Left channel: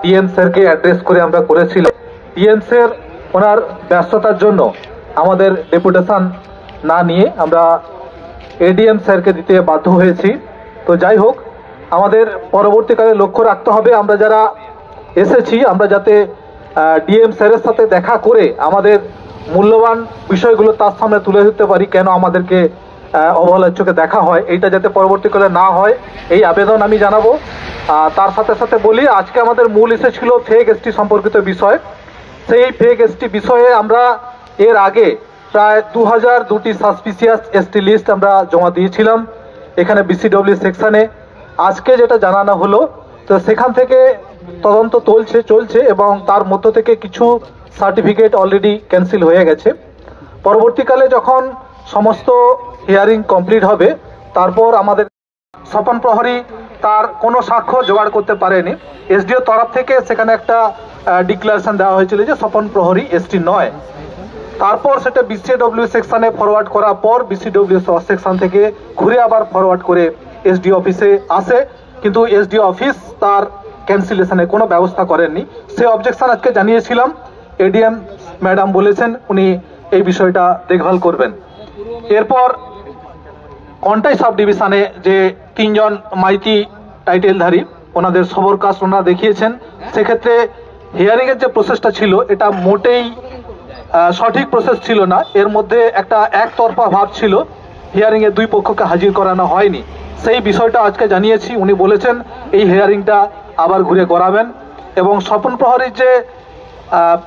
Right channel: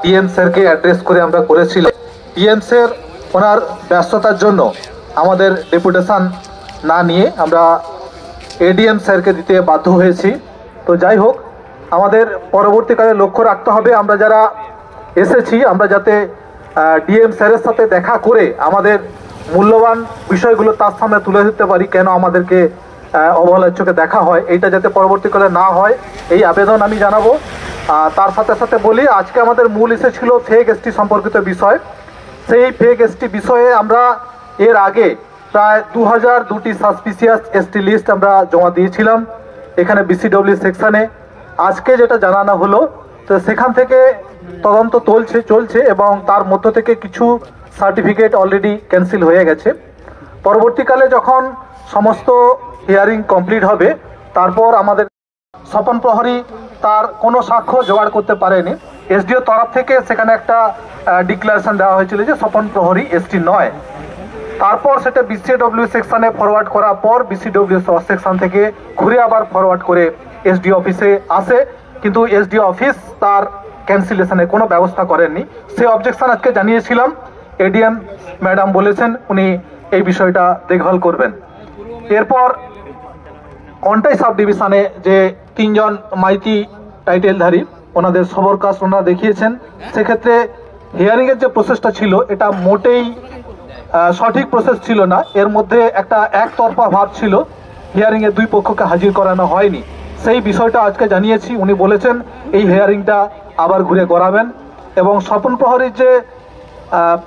DM স্যারকে address করে আমরা করেছিলাম। ডিএম স্যার ওনার ব্যস্ততার জন্য আমাদের ডেপুটেশন না নিয়ে আমরা এডিএম স্যারকে দিতে বাধ্য হয়েছি। তো যাই হোক, আমাদের পরবর্তীকালে লক্ষ্য রাখতে হবে আমরা যারা এসেছি আমরা যাতে ডিএম স্যারের সাথে দেখা করে আমাদের মূল্যবান বিষয়গুলো তার সামনে তুলে ধরতে পারি, কেন আমাদেরকে অবহেলার চোখে দেখা হয়, এইটা যাতে পরবর্তীকালে না হয় এই আবেদন আমি জানাবো। তার সাথে সাথে বলি, আজকে আমাদের মূল ইস্যু ছিল ফেক এসটি সম্পর্কিত বিষয়। সেই ফেক এসটি বিষয়ে আমরা এর আগে প্রায় 2002টি সাসপিসিয়াস এসটি লিস্ট আমরা জমা দিয়েছিলাম এখানে বিসিডব্লিউ সেকশনে। আজকে যেটা জানানো হলো, তো সেখান থেকে তদন্ত চলছে এবং তার মধ্য থেকে কিছু সার্টিফিকেট অলরেডি ক্যান্সেল হয়ে গেছে। পরবর্তীকালে যখন সমস্ত হিয়ারিং কমপ্লিট হবে তারপর আমাদের স্বপন প্রহরী তার কোনো সাক্ষ্য জোগাড় করতে পারেনি। এসডিও তরফ থেকে সেখানে একটা ডিক্লারেশন দেওয়া হয়েছিল যে স্বপন প্রহরী এসটি নয়। তারপর সেটা বিসিডব্লিউ সেকশনে ফরওয়ার্ড করার পর বিসিডব্লিউ সেকশন থেকে ঘুরে আবার ফরওয়ার্ড করে এসডিও অফিসে আসে, কিন্তু এসডিও অফিস তার ক্যান্সেলেশনে কোনো ব্যবস্থা করেননি। সে অবজেকশন আজকে জানিয়েছিলাম, এডিএম ম্যাডাম বলেছেন উনি এই বিষয়টা দেখভাল করবেন। এরপর কন্টাই সাব ডিভিশনে যে 3 জন মাইতি টাইটেলধারী ওনাদের সবর কাস্ট ওনারা দেখিয়েছেন, সেক্ষেত্রে হিয়ারিংয়ের যে প্রসেসটা ছিল এটা মোটেই সঠিক প্রসেস ছিল না। এর মধ্যে একটা একতরফা ভাব ছিল, হিয়ারিংয়ে দুই পক্ষকে হাজির করানো হয়নি। সেই বিষয়টা আজকে জানিয়েছি, উনি বলেছেন এই হিয়ারিংটা আবার ঘুরে করাবেন। এবং স্বপন প্রহরীর যে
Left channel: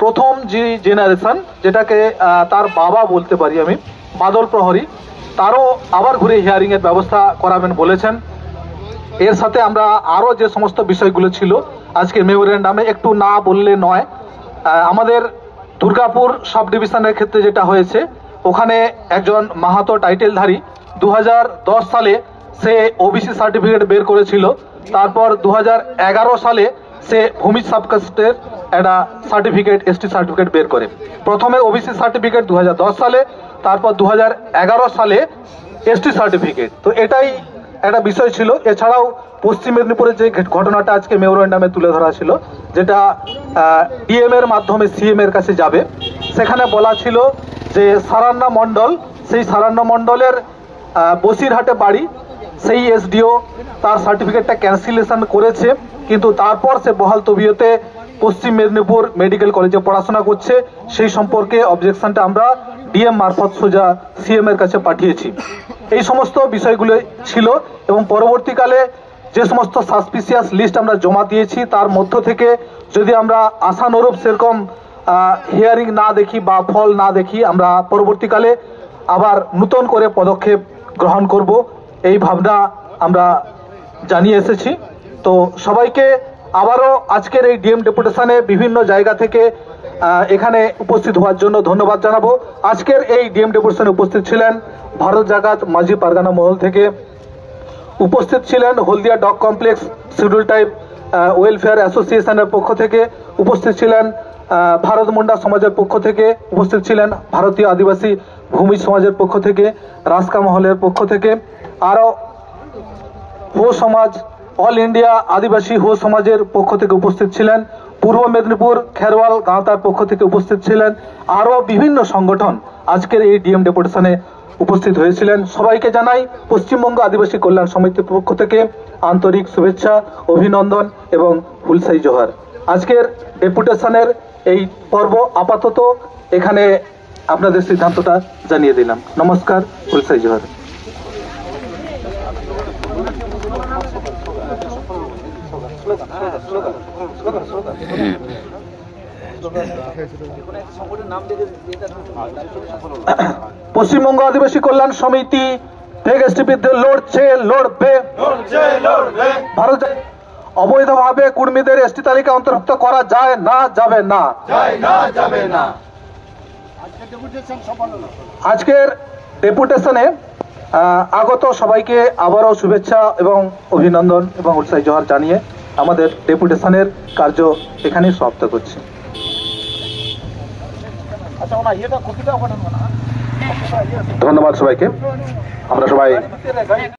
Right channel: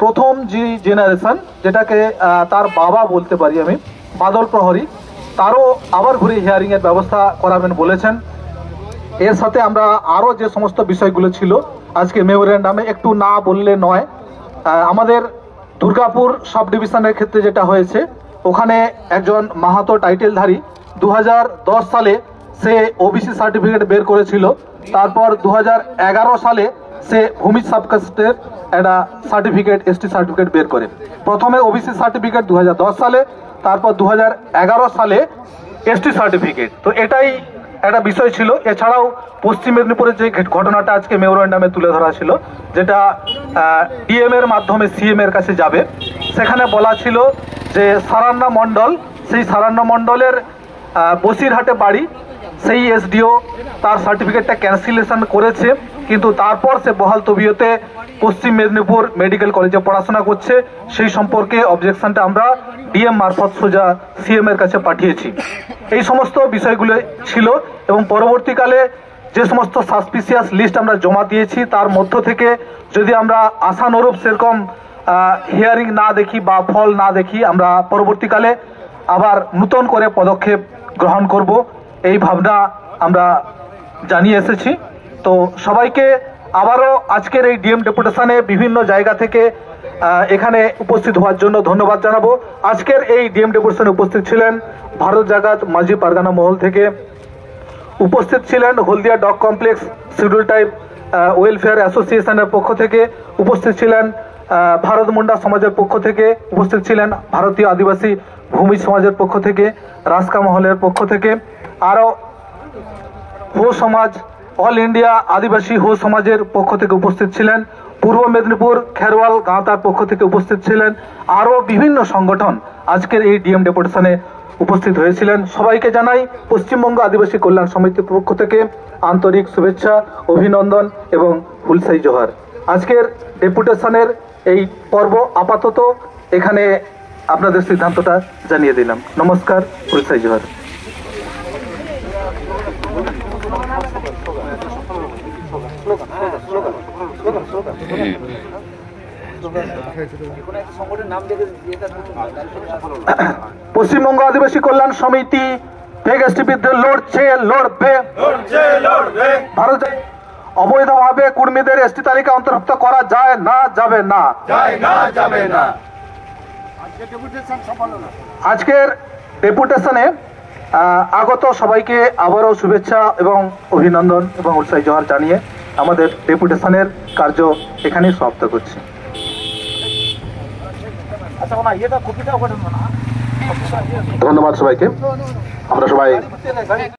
প্রথম যে জেনারেশন, যেটাকে তার বাবা বলতে পারি আমি, বাদল প্রহরী, তারও আবার ঘুরে হিয়ারিংয়ের ব্যবস্থা করাবেন বলেছেন। এর সাথে আমরা আরও যে সমস্ত বিষয়গুলো ছিল আজকে মেমোরেন্ডামে একটু না বললে নয়। আমাদের দুর্গাপুর সাব ডিভিশনের ক্ষেত্রে যেটা হয়েছে, ওখানে একজন মাহাতো টাইটেলধারী 2010 সালে সে ওবিসি সার্টিফিকেট বের করেছিল। তারপর 2011 সালে সে ভূমি সাবকাস্টের একটা সার্টিফিকেট এসটি সার্টিফিকেট বের করে। প্রথমে ওবিসি সার্টিফিকেট 2010 সালে, তারপর 2011 সালে এসটি সার্টিফিকেট। তো এটাই একটা বিষয় ছিল। এছাড়াও পশ্চিম মেদিনীপুরের যে ঘটনাটা আজকে মেমোরেন্ডামে তুলে ধরা ছিল, যেটা ডিএম এর মাধ্যমে সিএম এর কাছে যাবে, সেখানে বলা ছিল যে সারান্না মণ্ডল, সেই সারান্না মণ্ডলের বসিরহাটে বাড়ি, সেই এসডিও তার সার্টিফিকেটটা ক্যান্সেলেশন করেছে, কিন্তু তারপর সে বহাল তবিয়তে পশ্চিম মেদিনীপুর মেডিকেল কলেজে পড়াশোনা করছে। সেই সম্পর্কে অবজেকশনটা আমরা ডিএম মারফত সোজা সিএম এর কাছে পাঠিয়েছি। এই সমস্ত বিষয়গুলো ছিল এবং পরবর্তীকালে যে সমস্ত সাসপিসিয়াস লিস্ট আমরা জমা দিয়েছি তার মধ্য থেকে যদি আমরা আশানুরূপ সেরকম হিয়ারিং না দেখি বা ফল না দেখি, আমরা পরবর্তীকালে আবার নতুন করে পদক্ষেপ গ্রহণ করব, এই ভাবনা আমরা জানিয়ে এসেছি। তো সবাইকে আবারও আজকের এই ডিএম ডেপুটেশনে বিভিন্ন জায়গা থেকে এখানে উপস্থিত হওয়ার জন্য ধন্যবাদ জানাবো। আজকের এই ডিএম ডেপুটেশনে উপস্থিত ছিলেন ভারত জাগাত মাঝি পারগানা মহল থেকে, উপস্থিত ছিলেন Haldia dock complex schedule type welfare অ্যাসোসিয়েশনের পক্ষ থেকে, উপস্থিত ছিলেন ভারত মুন্ডা সমাজের পক্ষ থেকে, উপস্থিত ছিলেন ভারতীয় আদিবাসী ভূমি সমাজের পক্ষ থেকে, রাস্কা মহলের পক্ষ থেকে, আরও হো সমাজ, অল ইন্ডিয়া আদিবাসী হো সমাজের পক্ষ থেকে উপস্থিত ছিলেন, পূর্ব মেদিনীপুর খেরওয়াল গাঁওতার পক্ষ থেকে উপস্থিত ছিলেন, আরও বিভিন্ন সংগঠন আজকের এই ডিএম ডেপুটেশনে উপস্থিত হয়েছিলেন। সবাইকে জানাই পশ্চিমবঙ্গ আদিবাসী কল্যাণ সমিতির পক্ষ থেকে আন্তরিক শুভেচ্ছা, অভিনন্দন এবং হুলসাই জোহার। আজকের ডেপুটেশনের এই পর্ব আপাতত এখানে আপনাদের সিদ্ধান্তটা জানিয়ে দিলাম। নমস্কার, হুলসাই জোহার। পশ্চিমবঙ্গ আদিবাসী কল্যাণ সমিতি ফেক এসটি বিরুদ্ধে লড়বে। ভারতে অবৈধভাবে কুর্মীদের এসটি তালিকা অন্তর্ভুক্ত করা যায় না, যাবে না। আজকের ডেপুটেশনে আগত সবাইকে আবারও শুভেচ্ছা এবং অভিনন্দন এবং উৎসাহী জোহার জানিয়ে আমাদের ডেপুটেশনের কার্য এখানেই সমাপ্ত করছি। ধন্যবাদ সবাইকে। আমরা সবাই